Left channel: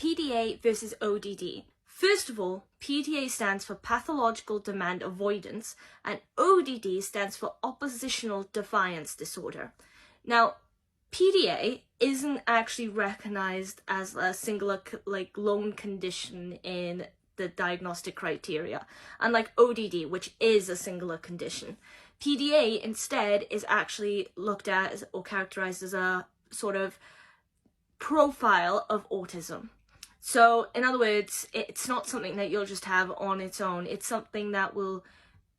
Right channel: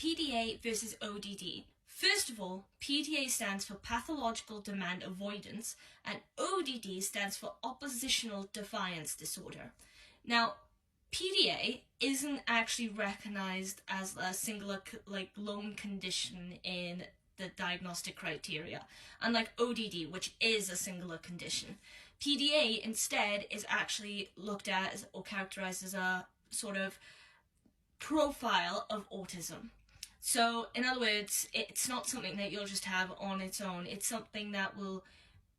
PDA versus ODD. First of all, PDA stands for Pathological Demand Avoidance, and ODD stands for Oppositional Defiance Disorder. Now, PDA isn't actually recognized as a singular, lone condition in the diagnostic criteria, unlike ODD, which is a singular condition. PDA instead is actually looked at as, or characterized as, a sort of profile of autism. So, in other words, it's not something that you'll just have on its own. It's something that will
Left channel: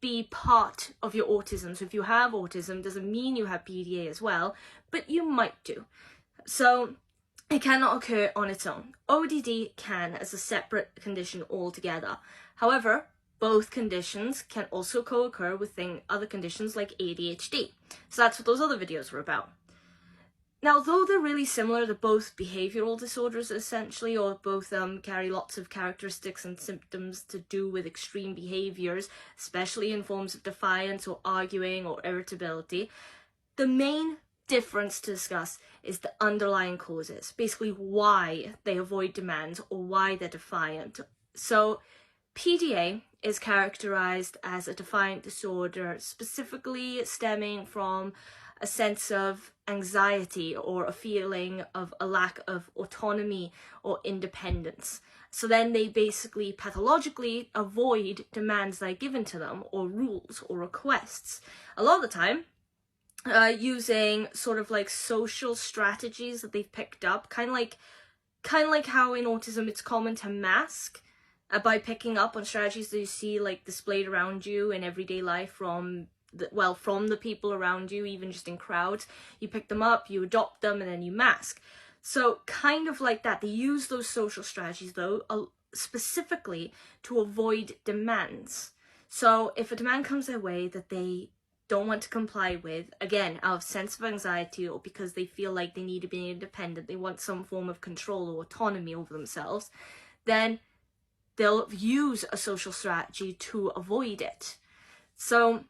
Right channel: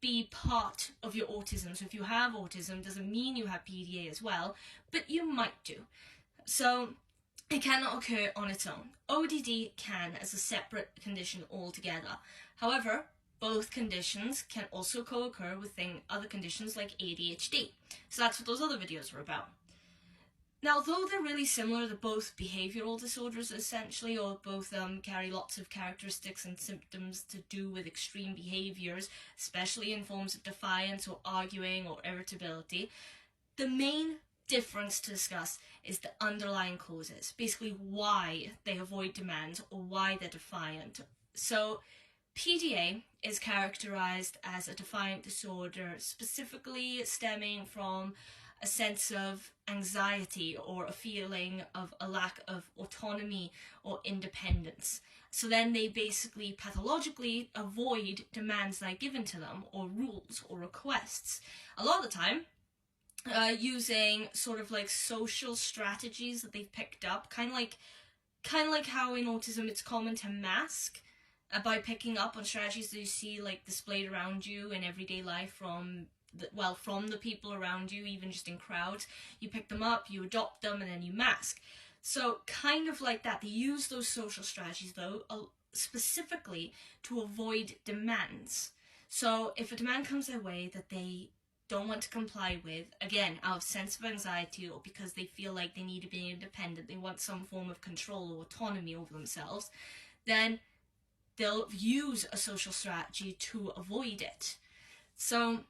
be part of your autism. So if you have autism, doesn't mean you have PDA as well, but you might do. So it cannot occur on its own. ODD can as a separate condition altogether. However, both conditions can also co-occur with other conditions like ADHD. So that's what those other videos were about. Now, though they're really similar, they're both behavioural disorders essentially, or both carry lots of characteristics and symptoms to do with extreme behaviours, especially in forms of defiance or arguing or irritability. The main difference to discuss is the underlying causes, basically why they avoid demands or why they're defiant. So PDA is characterised as a defiant disorder, specifically stemming from a sense of anxiety or a feeling of a lack of autonomy or independence. So then they basically pathologically avoid demands that are given to them, or rules or requests. A lot of the time, using sort of like social strategies that they've picked up, kind of like how in autism it's common to mask by picking up on strategies that you see like displayed around you in everyday life from the people around you, even just in crowds. You pick them up, you adopt them, and then you mask. So kind of like that. They use those social strategies, though, specifically to avoid demands. So if a demand comes their way that they don't want to comply with, again, out of sense of anxiety or because they feel like they need to be independent, they want some form of control or autonomy over themselves, then they'll use a social strategy to avoid it. So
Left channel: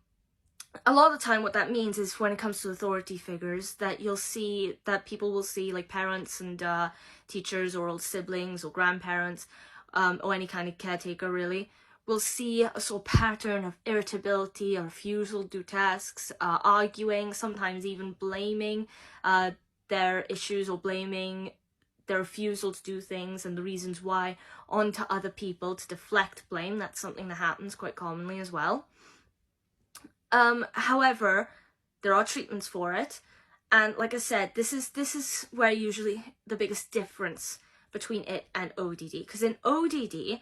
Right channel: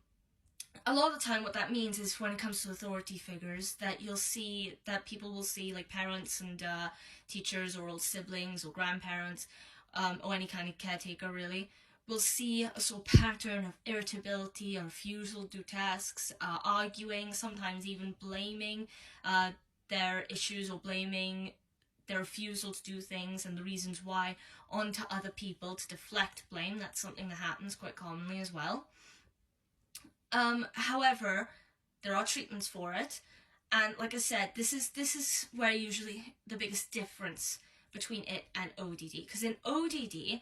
a lot of the time what that means is when it comes to authority figures, that you'll see that people will see, like parents and teachers or old siblings or grandparents or any kind of caretaker really, will see a sort of pattern of irritability, a refusal to do tasks, arguing, sometimes even blaming their issues or blaming their refusal to do things and the reasons why onto other people to deflect blame. That's something that happens quite commonly as well. However, there are treatments for it, and like I said, this is where usually the biggest difference between it and ODD, because in ODD,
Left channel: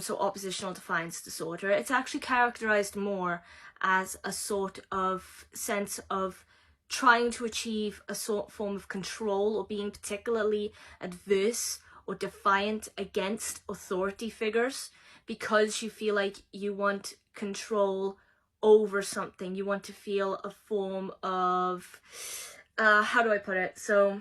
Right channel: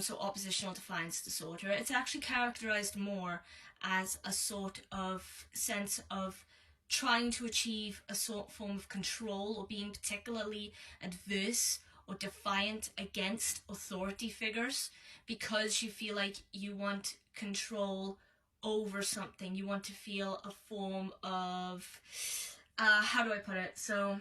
so oppositional defiance disorder, it's actually characterized more as a sort of sense of trying to achieve a sort of form of control or being particularly adverse or defiant against authority figures because you feel like you want control over something. You want to feel a form of, how do I put it? So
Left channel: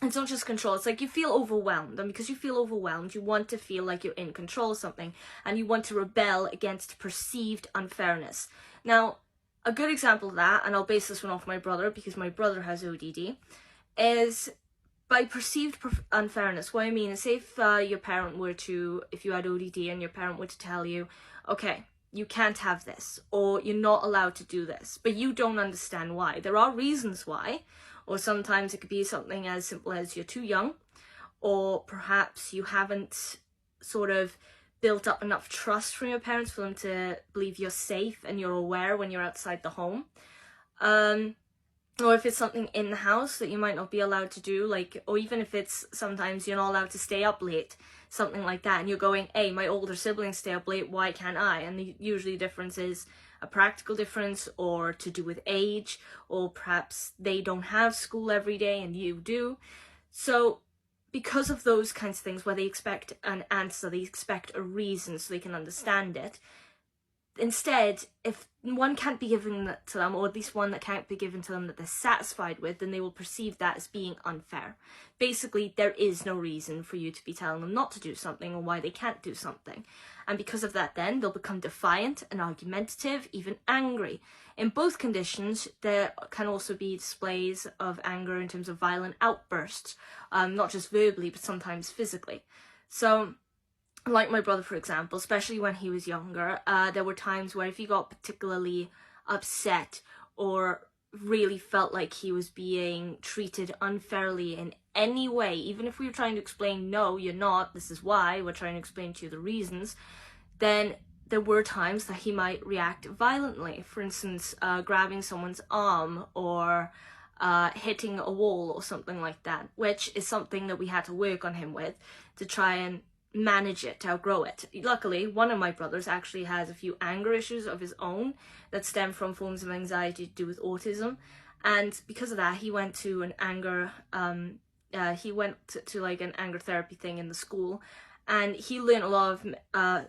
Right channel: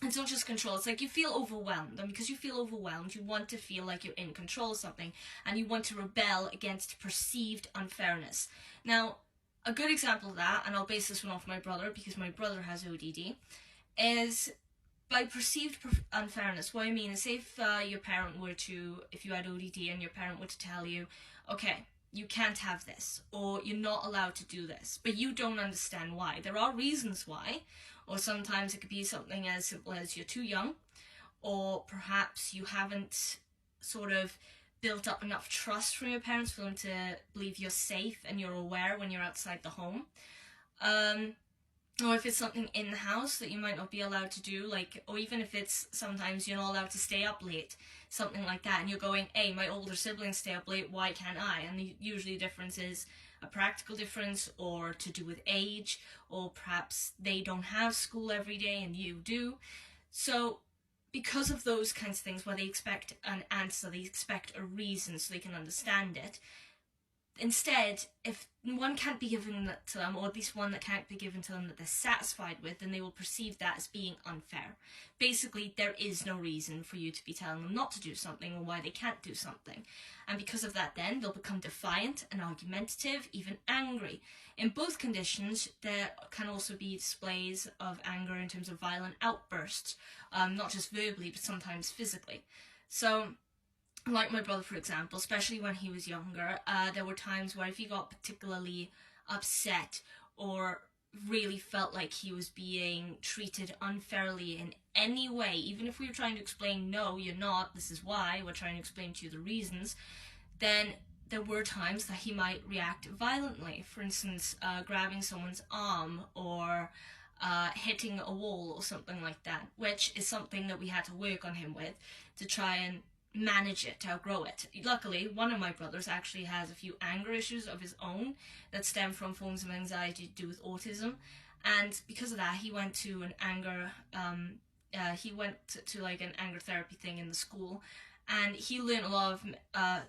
it's not just control, it's like you feel overwhelmed, and because you feel overwhelmed, you want to feel like you're in control of something, and you want to rebel against perceived unfairness. Now, a good example of that, and I'll base this one off my brother, because my brother has ODD, is by perceived unfairness. What I mean is, say if your parent were to, if you had ODD and your parent were to tell you, okay, you can't have this, or you're not allowed to do this, but you don't understand why. There are reasons why, or sometimes it could be something as simple as you're too young, or perhaps you haven't sort of built up enough trust from your parents for them to believe you're safe and you're aware when you're outside the home. Or if it's something in the house that you might not be allowed to do, like, or even if it's sometimes you're not allowed to stay up late, something like that, and you're going, hey, my older siblings stay up late, why can't I? And usually the difference is a practical difference, or to do with age, or perhaps they don't have school every day and you do. So because of those kinds of things where they expect an answer, they expect a reason so they can understand it, instead, if one can't be given that to them, or at least one that can't be given to them that they're satisfied with, then they will perceive that as being unfair. Basically, there is no reason for you to be telling them not to do something or why they can't do something. And because of that, then they'll become defiant and argumentative, even angry. In both conditions, there can also be displays of anger in terms of violent outbursts, not just verbally, but sometimes physically. So, like my brother, for example, especially when he was younger, there were times where if he got particularly upset or really felt like he was being treated unfairly in any way, even if we were trying to explain, no, you're not, this is why, we're trying to explain to you the reasons, then there were times that he might react violently. For instance, grabbing someone's arm or hitting a wall or something like that, which is something that we had to work on him with to try and manage it, to outgrow it. Luckily, one of my brothers actually has a few anger issues of his own that stem from forms of anxiety to do with autism, and because of that, he went to an anger like an anger therapy thing in the school, and he learned a lot of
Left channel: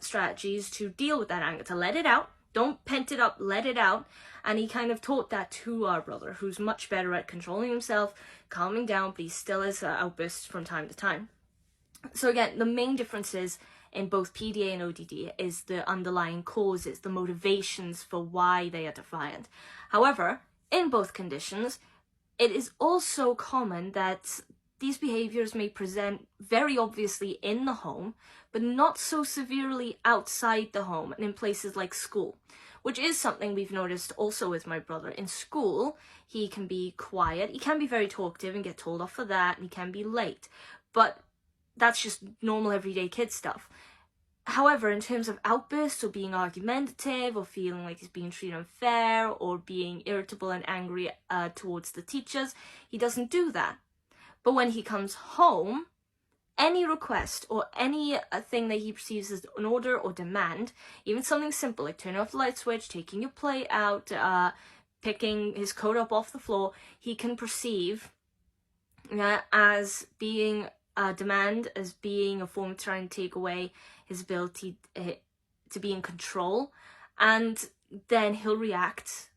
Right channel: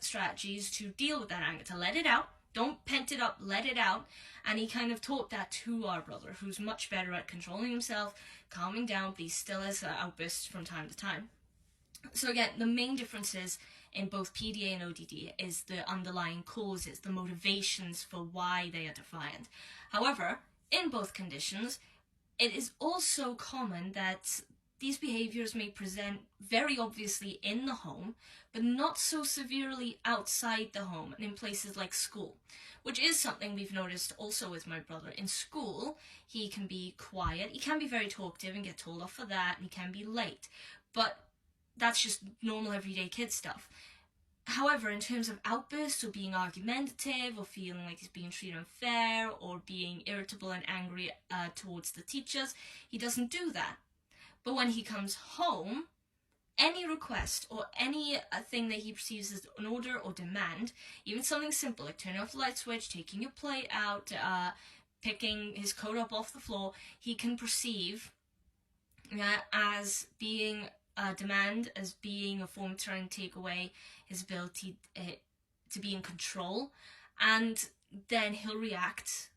strategies to deal with that anger, to let it out. Don't pent it up, let it out. And he kind of taught that to our brother, who's much better at controlling himself, calming down, but he still has outbursts from time to time. So again, the main differences in both PDA and ODD is the underlying causes, the motivations for why they are defiant. However, in both conditions, it is also common that these behaviors may present very obviously in the home, but not so severely outside the home and in places like school, which is something we've noticed also with my brother. In school, he can be quiet, he can be very talkative and get told off for that, and he can be late, but that's just normal everyday kid stuff. However, in terms of outbursts or being argumentative or feeling like he's being treated unfair or being irritable and angry towards the teachers, he doesn't do that. But when he comes home, any request or any thing that he perceives as an order or demand, even something simple like turning off the light switch, taking your plate out, picking his coat up off the floor, he can perceive as being demand, as being a form of trying to take away his ability to be in control, and then he'll react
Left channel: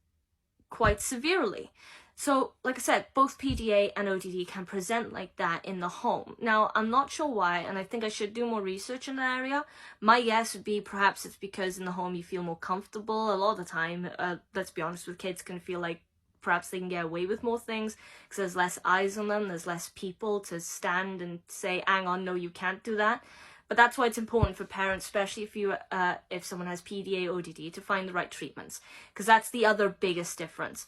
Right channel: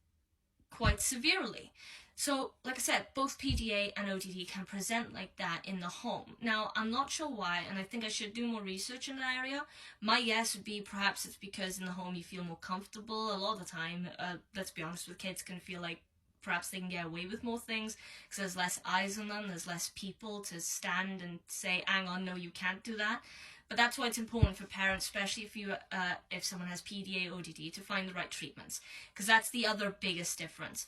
quite severely. So, like I said, both PDA and ODD can present like that in the home. Now, I'm not sure why, and I think I should do more research in that area. My guess would be perhaps it's because in the home you feel more comfortable. A lot of the time, let's be honest, with kids can feel like perhaps they can get away with more things because there's less eyes on them, there's less people to stand and say, hang on, no, you can't do that. But that's why it's important for parents, especially if someone has PDA, ODD, to find the right treatments, because that's the other biggest difference.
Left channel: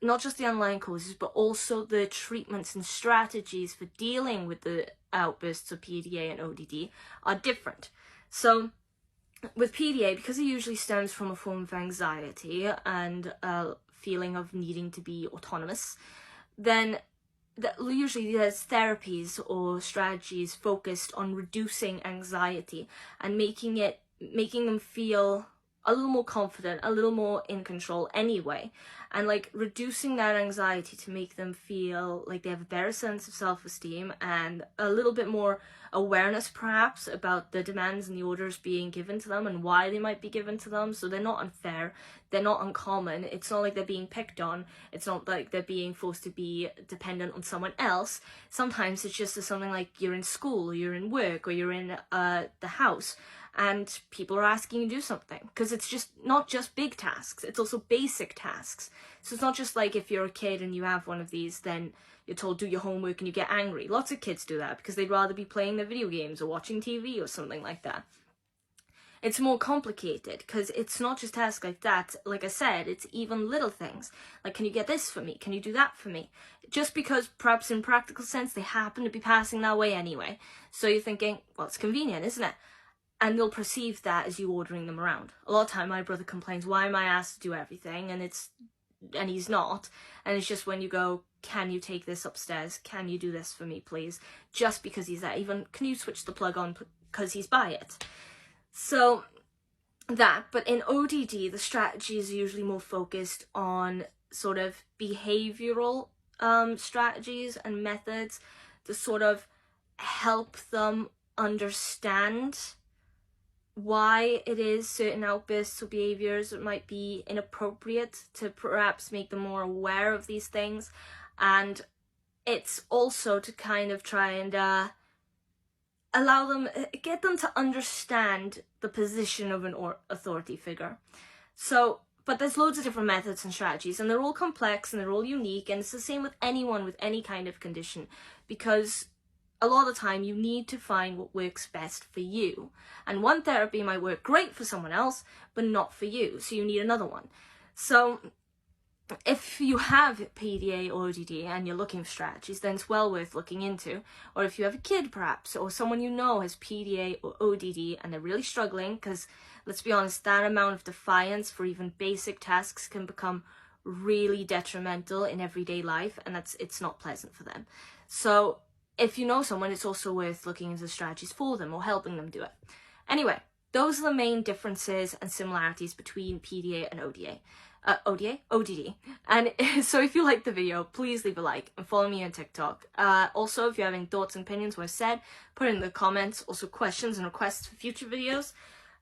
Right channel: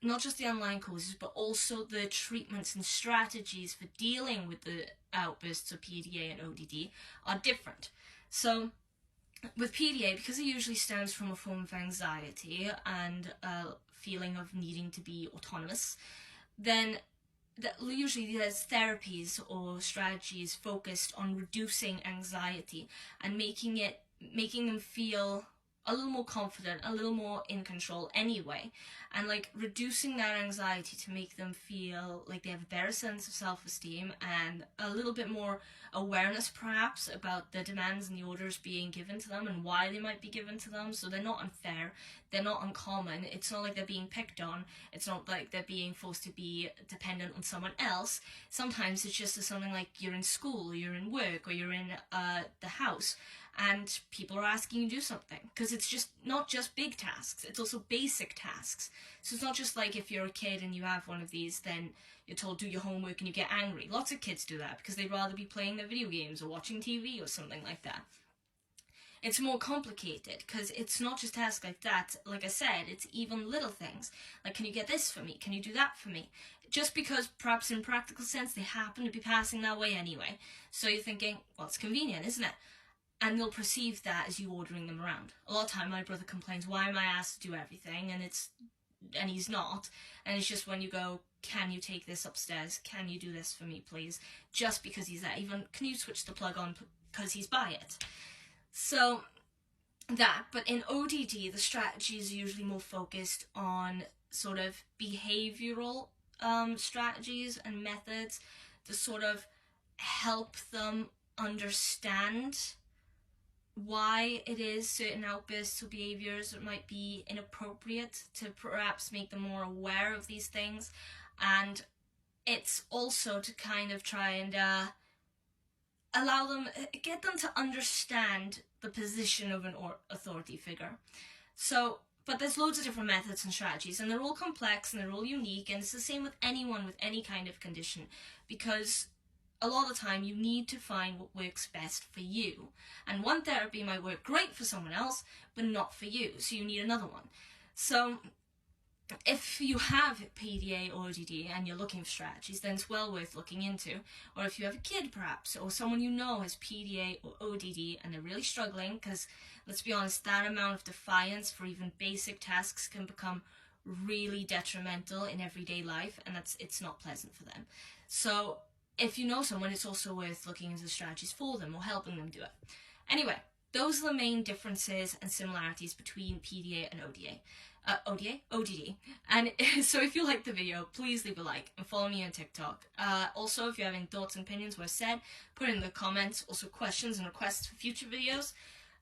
Not just the underlying causes, but also the treatments and strategies for dealing with the outbursts of PDA and ODD are different. So with PDA, because it usually stems from a form of anxiety and feeling of needing to be autonomous, then usually there's therapies or strategies focused on reducing anxiety and making them feel a little more confident, a little more in control anyway, and like reducing that anxiety to make them feel like they have a better sense of self-esteem and a little bit more awareness perhaps about the demands and the orders being given to them and why they might be given to them, so they're not unfair, they're not uncommon, it's not like they're being picked on, it's not like they're being forced to be dependent on someone else. Sometimes it's just something like you're in school or you're in work or you're in the house and people are asking you to do something, because it's just not just big tasks, it's also basic tasks. So it's not just like if you're a kid and you have one of these, then you're told do your homework and you get angry. Lots of kids do that because they'd rather be playing their video games or watching TV or something like that. It's more complicated because it's not just tasks like that. Like I said, it's even little things. Like, can you get this for me? Can you do that for me? Just because perhaps in practical sense they happen to be passing that way anyway. So you're thinking, well, it's convenient, isn't it? And they'll perceive that as you ordering them around. A lot of time my brother complains, why am I asked to do everything? And he's not. And it's just when you go, can you take this upstairs? Can you do this for me, please? Just because he's there. Even, can you switch the plug on because he's by it? So that, but in ODD, the strategy is usually more focused on sort of behavioral strategies and methods to sort of help them understand why it is certain outbursts or behaviors might be inappropriate, to perhaps make them more aware of these things. And it's also to kind of try and allow them, get them to understand the position of an authority figure. So, but there's loads of different methods and strategies, and they're all complex and they're all unique, and it's the same with anyone with any kind of condition, because a lot of the time you need to find what works best for you. And one therapy might work great for someone else, but not for you, so you need another one. So if you have PDA or ODD and you're looking for strategies, then it's well worth looking into. Or if you have a kid perhaps, or someone you know has PDA or ODD and they're really struggling, because let's be honest, that amount of defiance for even basic tasks can become really detrimental in everyday life, and it's not pleasant for them. So if you know someone, it's also worth looking into strategies for them or helping them do it. Anyway, those are the main differences and similarities between PDA and ODD. And so if you liked the video, please leave a like and follow me on TikTok. Also, if you have any thoughts and opinions on what I said, put it in the comments. Also, questions and requests for future videos.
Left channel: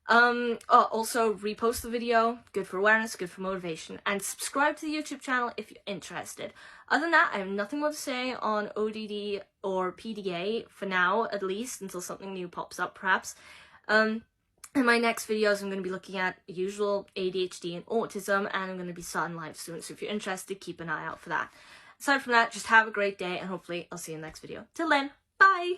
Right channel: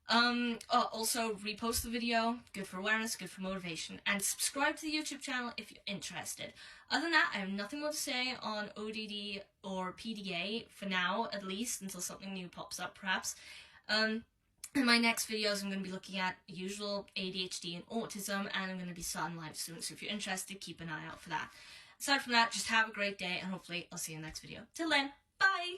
Also, repost the video. Good for awareness, good for motivation. And subscribe to the YouTube channel if you're interested. Other than that, I have nothing more to say on ODD or PDA, for now at least, until something new pops up perhaps. In my next videos, I'm going to be looking at usual ADHD and autism, and I'm going to be starting live soon, so if you're interested, keep an eye out for that. Aside from that, just have a great day, and hopefully I'll see you in the next video. Till then, bye!